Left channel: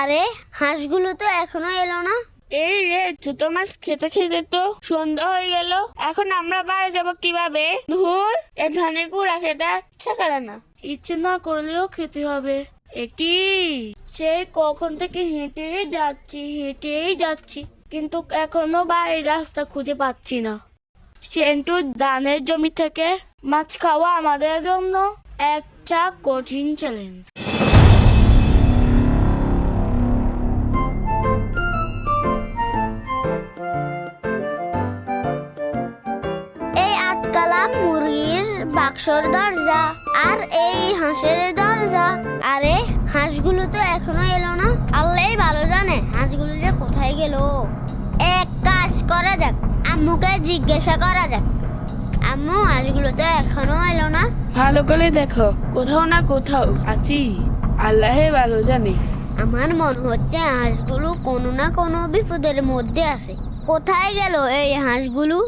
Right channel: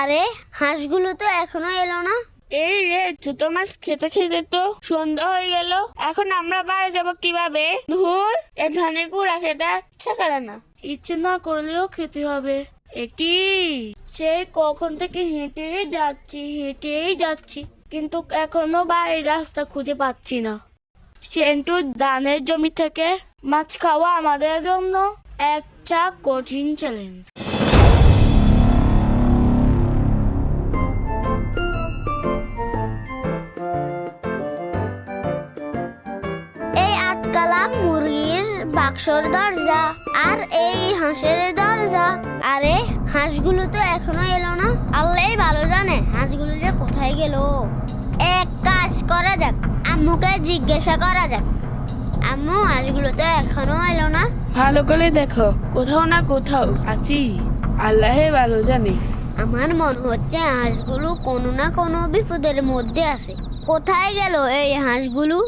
আরে হাঁসগুলো তো এখনো এলো না। এই রে, ছোট মাছ খেতে খেতে তো সন্ধ্যা হয়ে গেল। এখন আমরা বাড়ি যাব কিভাবে? ধুর, এ ধানের কুড়া খেতে ইচ্ছা করে না। ইচ্ছে না করলেও খেতে হবে। একই সেই কখন থেকে হেঁটেই যাচ্ছি, কিন্তু এখনো বাড়ির রাস্তা খুঁজে পাচ্ছি না। সেন্টু ধানের জমি থেকে মাছ খাওয়া আমাদের জন্য একটা কঠিন চ্যালেঞ্জ। এই আটকালাম মুরগির বাক্সর দরজা আর এই হাঁসের দরজা। আরে হাঁসগুলো তো এখনো এলো না। আল্লাহই ভালো জানে হাঁসগুলো যে কোথায় গেল। এক কাজ করা যাক, আম্মুকে জিজ্ঞাসা করা যাক। আম্মু, হাঁসগুলো তো এখনো এলো না। ভালো করে দেখো, কোথাও না কোথাও আছি, আল্লাহ ভালো জানে। আমার মনে হচ্ছে হাঁসগুলো কোনো না কোনো বিপদের মধ্যে আছে। কোথায় গেল এই হাঁসগুলো?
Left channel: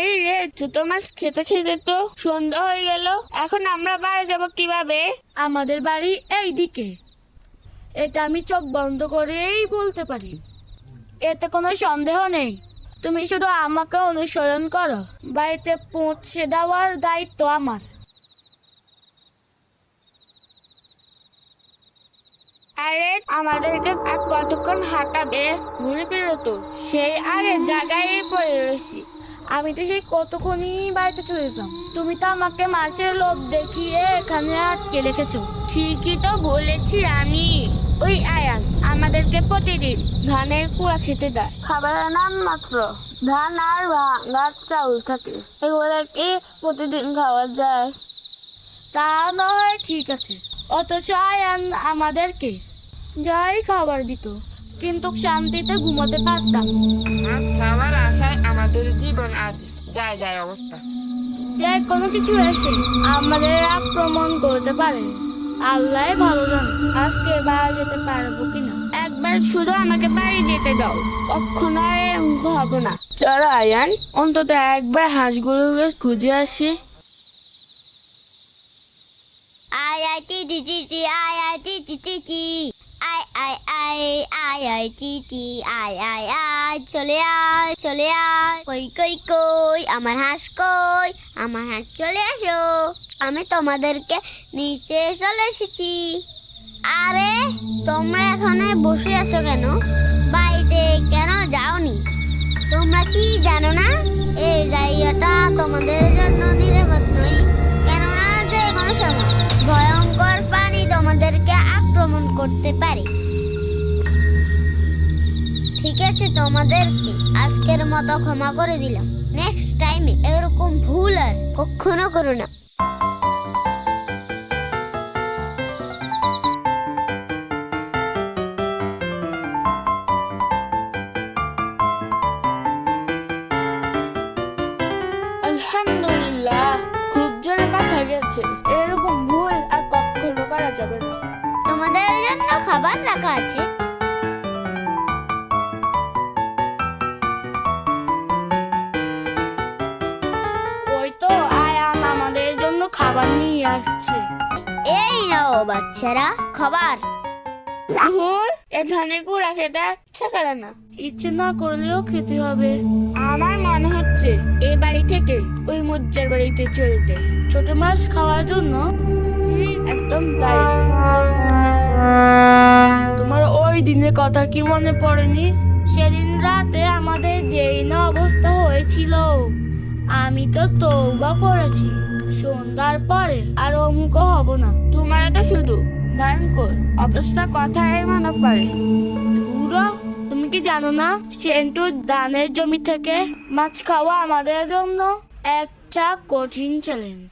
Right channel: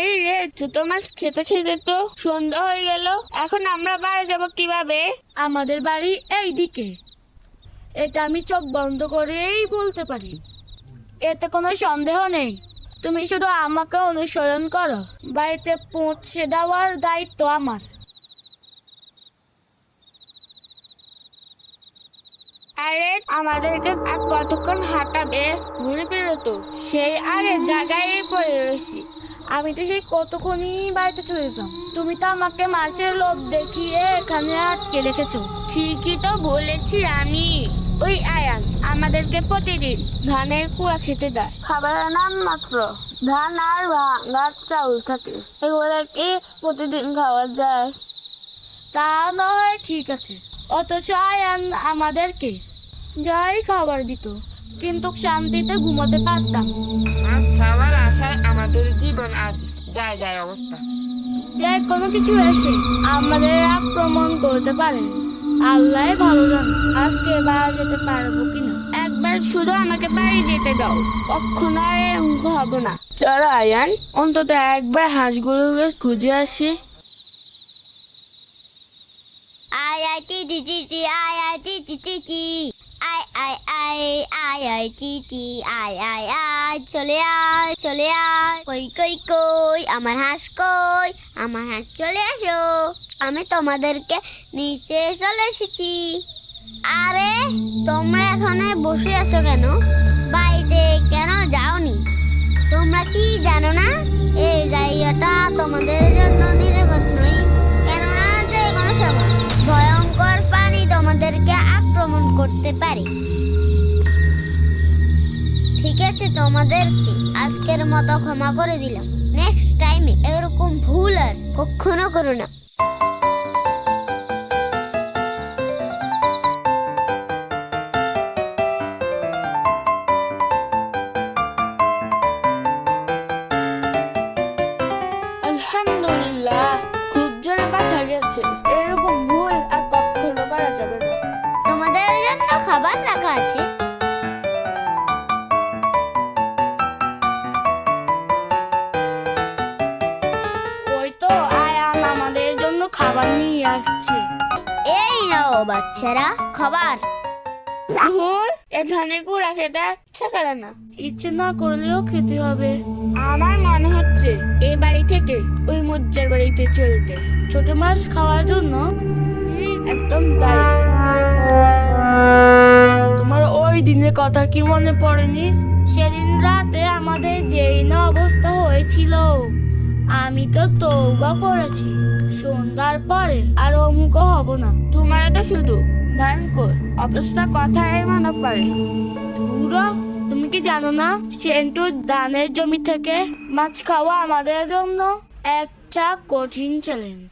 এই রে, ছোট মাছ খেতে খেতে তো সন্ধ্যা হয়ে গেল। এখন আমরা বাড়ি যাব কিভাবে? আমাদের বাড়ি এই দিকে। এটা আমি চোখ বন্ধ করেই বলতে পারি, এতে কোনো সন্দেহ নেই। তুমি শুধু আমাকে অনুসরণ করো, বাড়িতে পৌঁছে দেওয়ার দায়িত্ব আমার। আরে আমাদেরকে আর কতক্ষণ হাঁটাবে? ঘুরে ফিরে তো সেই আগের জায়গায় পড়ে রয়েছি। আমি তো সেই কতক্ষণই বাড়িতে চলে যেতাম। তুমি তো আমাকে মাছের লোভ দেখিয়ে এখানে আটকে রেখেছো। ঠিকই তো বলেছি আমি। ওই আয়ান আমাদেরকে প্রতিদিন ধানের কুড়া খেতে দেয়। খাবারের নাম মাত্র ধান আর ভাঙা চাউল থাকে, এগুলোকে প্রতিদিন খাওয়া যায়। তা নয় ঠিক আছে, অথচ আয়ান আমাদেরকে যাই খাবার দিত, কিন্তু শান্তিতে ঘুমাতে পারতাম। মাছ খাওয়ার আশায় আমাদের জীবন আজ যায় যায় অবস্থা। যে কোনো কিছু এসে আমাদের আক্রমণ করতে পারে। আল্লাহ ভালো জান আজকে বাড়ি যেতে পারবো কিনা। একবার শুধু আমাকে বাড়ি যেতে দাও, কখনো আর এরকম হবো না। চলো আয়ান, অন্তত একবার হাঁসগুলোকে খুঁজে আসি। I I T T T T I I T T T T I I I I I T T I I I চলে আয় কই কই কই আমার হাঁস কই? আমার হাঁস চলে আসো, আমি তোমাদেরকে নিচে চলে এসেছি। আরে তোমরা এখানে বসে আছো কেন? বাড়িতে কেন যাওনি? তোমরা কি জানো না এই জায়গাটা তোমাদের জন্য নিরাপদ নয়? কেননা যে কোনো সময় ভয়ঙ্কর প্রাণী তোমাদেরকে আক্রমণ করতে পারে। ঠিক আছে, তোমাদেরকে আজকের মতো ক্ষমা করে দিলাম। নেক্সট টাইমে এরকম ভুল আর কখনো করো না। আলহামদুলিল্লাহ, খুব জোরে বাঁচা গেছে। এরকম ভুল আর কখনো করা যাবে না। তোমাদের জন্য খাবার রাখা আছে। ওই তো আয়ান আমাদের জন্য খাবার নিয়ে আসছে। এই নাও বাচ্চারা খাবার। ধুর, এ ধানের কুড়া খেতে ইচ্ছা করে না। ইচ্ছে না করলেও খেতে হবে। আমার মনে হচ্ছে এই বাড়ি থেকে ওই মুজ্জার বাড়িতে চলে যায় ছোট মাছ খাওয়ার জন্য। একদম তাই। তোমার ওই দিনের কথা কি মনে পড়েনি? সেদিন রাতে আমাদের যেই না অবস্থা হয়েছিল। আমি তো তওবা করেছি সন্ধ্যার পরে আর অমুক হব না। তোমার তো শুধু ভয়ঙ্কর অবস্থা কথায় মনে পড়ে। ধুরো, তুমি কি জানো না সেন্টু ধানের জমি থেকে মাছ খাওয়া আমাদের জন্য একটা কঠিন চ্যালেঞ্জ।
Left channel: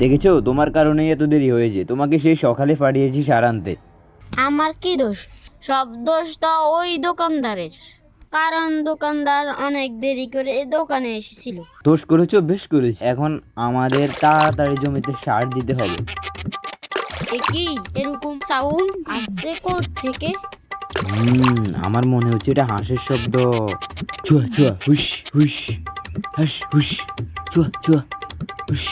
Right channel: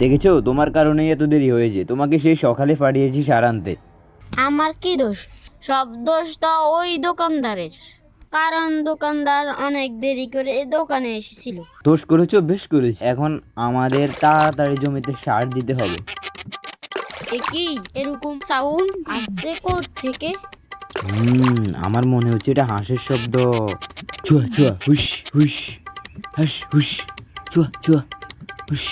দেখেছো, তোমার কারণেই এত দেরি হয়েছে। তোমাকে সেই সকালে পাঠিয়েছি সার আনতে। আমার কি দোষ? সব দোষটা ওই দোকানদারের, কারণ দোকানদার অনেক দেরি করে দোকানে এসেছিল। দোষ করেছো, বেশ করেছো। এখন আমাদের তাড়াতাড়ি জমিতে সার দিতে হবে। কি এরকম সাউন্ড আসছে কোথা থেকে? আমার মনে হচ্ছে এটা হাঁসের শব্দ। চুয়া চুয়া হুস হুস, হাস হুস, চুয়া চুয়া হুস।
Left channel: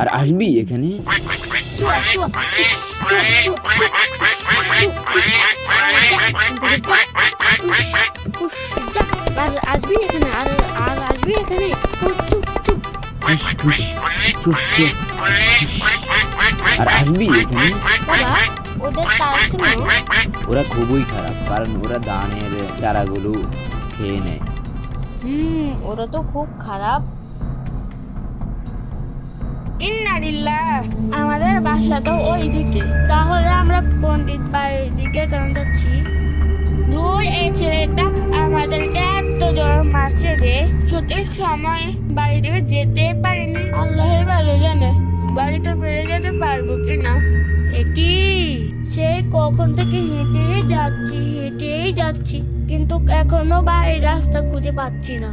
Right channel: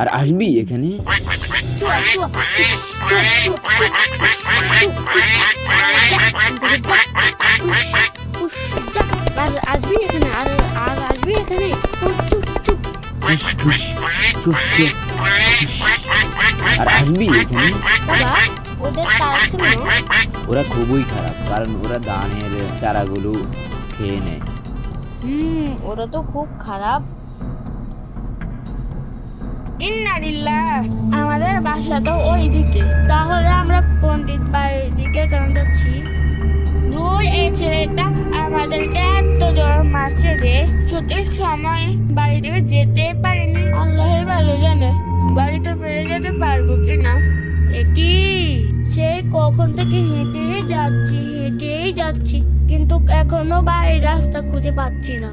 আর আসবি এখানে? চুয়া চুয়া উস, চুয়া চুয়া চুয়া আসবি এখানে আর আর আসবি এখানে ও চুপ চুপ হুস, হুস, চুপ, চুপ। আর আসবি এখানে? বাবা ওদের তারা ছিল ওরা খুবই খারাপ, কারণ ওরা ধানের চারাগুলো খেয়ে নেয়। ওরা তো খুব খারাপ। ইন্নালিল্লাহ, আমাদের বাসা তো ওই দিকে, তাহলে আমরা পণ্ডিত বাড়ির দিকে কেন যাচ্ছি? দূর এই ছেলেটা আমাদেরকে এত জোর মারছে রে, ছুটির সময় বাড়ি থেকে যেতে পারিনি। আল্লাহের ভালো জানে বাড়িতে ফিরে যেতে পারবো কিনা। একই সেই কখন থেকে হেঁটেই যাচ্ছি কিন্তু এখনো বাড়ির রাস্তা খুঁজে পাচ্ছি না।